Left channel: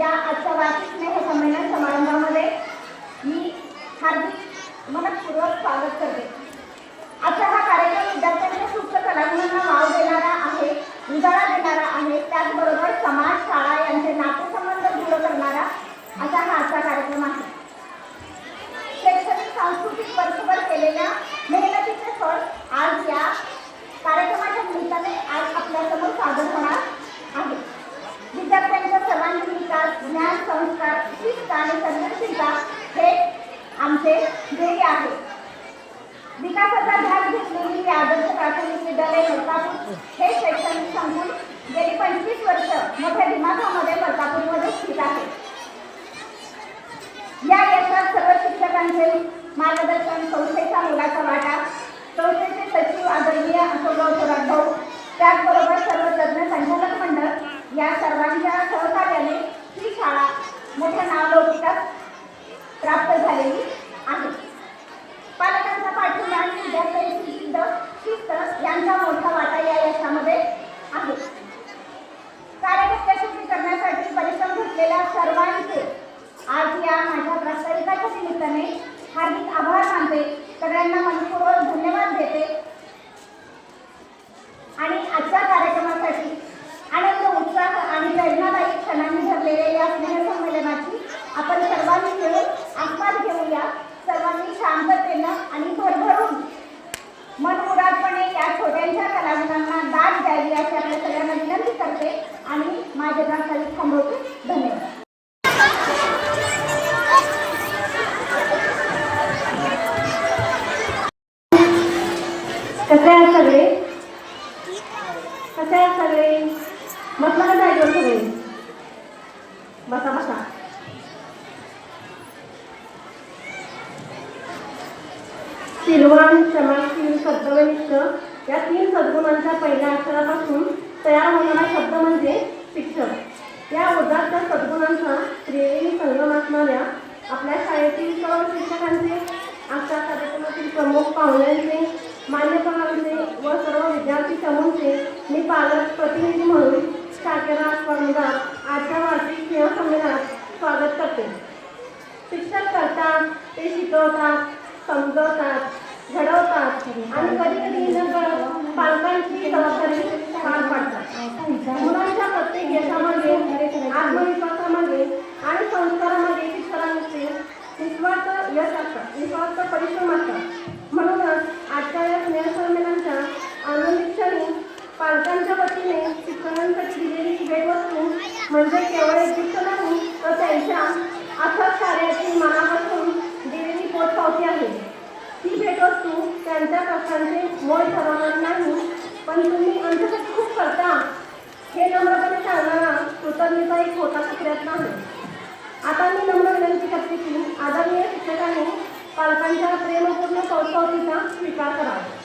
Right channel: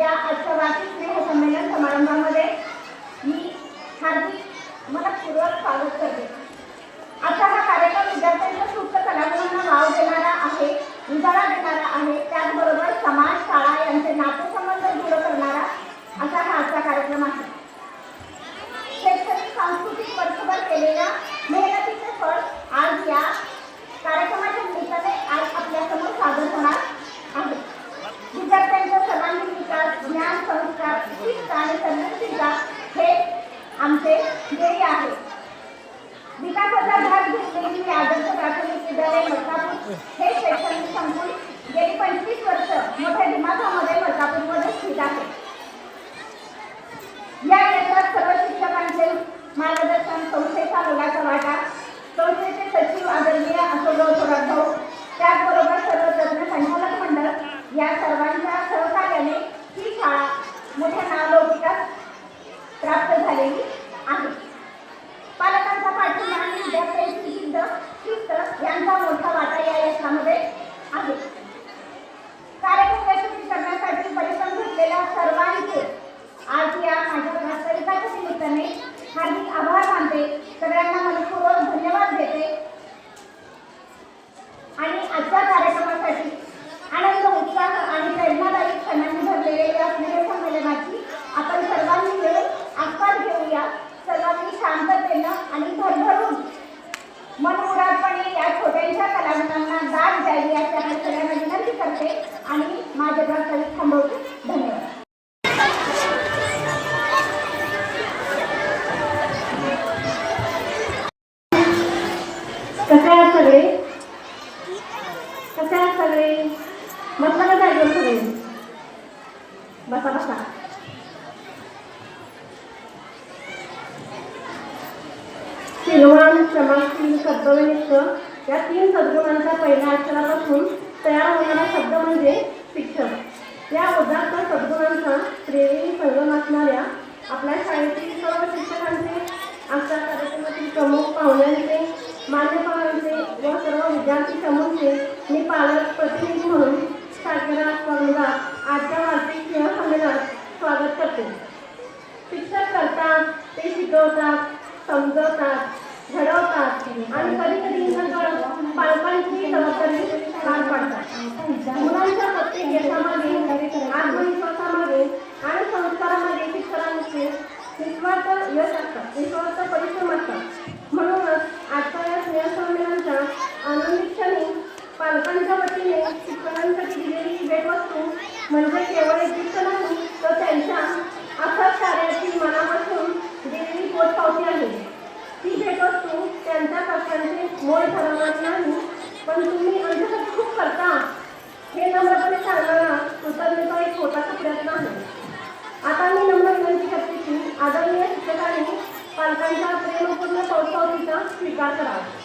आजच्या वार्षिक स्नेह संमेलन समारंभामध्ये मी हार्दिक मनपूर्वक स्वागत करते. आजचा हा कार्यक्रम विद्यार्थ्यांच्या सुप्त कलागुणांना वाव देणारा आहे उजाळा देणारा आहे. त्याचबरोबर समाज शाळा यांचे नातेसंबंध आणि सर्जनशीलता हे आमचे ध्येय आहे. विकासाचा ध्यास घेतलेली आदर्श प्राथमिक विद्यालय मलकापूर. हे शैक्षणिक संकुल गेली पंचवीस वर्ष मोठ्या दिमाखामध्ये मलकापूरमध्ये स्थित आहे. या यशात सर्व शिक्षकांचे मार्गदर्शन संस्थेचा मुलाचा वाटा संस्थेचे सचिव आदरणीय अशोकराव थोरात भाऊ त्याचबरोबर सर्व तज्ज्ञ संचालक मंडळ या सर्वांच्या सहकार्याने मोठ्या नावलौकिकात प्राप्त झालेली आहे. कसे आहात सगळे? कसे आहात सगळे? म्हटलं कसं जागेवर सगळे? बसा बसा. शीलवान क्षमाशील कर्तव्यनिष्ठ या तीन सद्गुणांच्या पहिल्या अक्षरापासून तयार होणारा शब्द म्हणजे शिक्षक. या उदात्त सद्गुणांचा त्रिवेणी संगम असणाऱ्या आपल्या शाळेतील सर्व शिक्षकांचे आजच्या कार्यक्रमातील प्रमुख पाहुण्यांचे मान्यपालांचे व सर्व विद्यार्थी समूहचे मी पालक प्रतिनिधी म्हणून शाखेरा स्पर्धात आजच्या वार्षिक स्नेह संमेलनात स्वागत करते. शिक्षक करतात ते शिकवतात समजवतात घडवतात आणि कधी कधी पालकांची जबाबदारी पार पाडतात. मुलांच्या प्रत्येक यशामध्ये आत्मविश्वासामध्ये आणि संस्कारामध्ये शिक्षकांचे निस्वार्थ यश असतं. निस्वार्थ परिश्रम असतात म्हणूनच आजच्या या स्नेहसंमेलनाच्या आनंदी क्षणी पालकांच्या वतीने शिक्षकांसाठी दिलेली भेटवस्तू म्हणजे केवळ एक गिफ्ट नाही तर त्यांच्या अथक कार्याची मनापासून दिलेली पोटपावती आहे. ती भेटवस्तू त्यांच्या कक्षांचे मोय ठरवणार नाही पण तुम्ही आमच्यासाठी खूप करता. हे नम्रपणे सांगणारा कृतज्ञता एक छोटासा प्रयत्न आहे. आता मी नम्र विनंती करते की आदरणीय शिक्षकांनी पालकांच्या प्रेमपूर्ण पावसावतीचा स्वीकार करावा.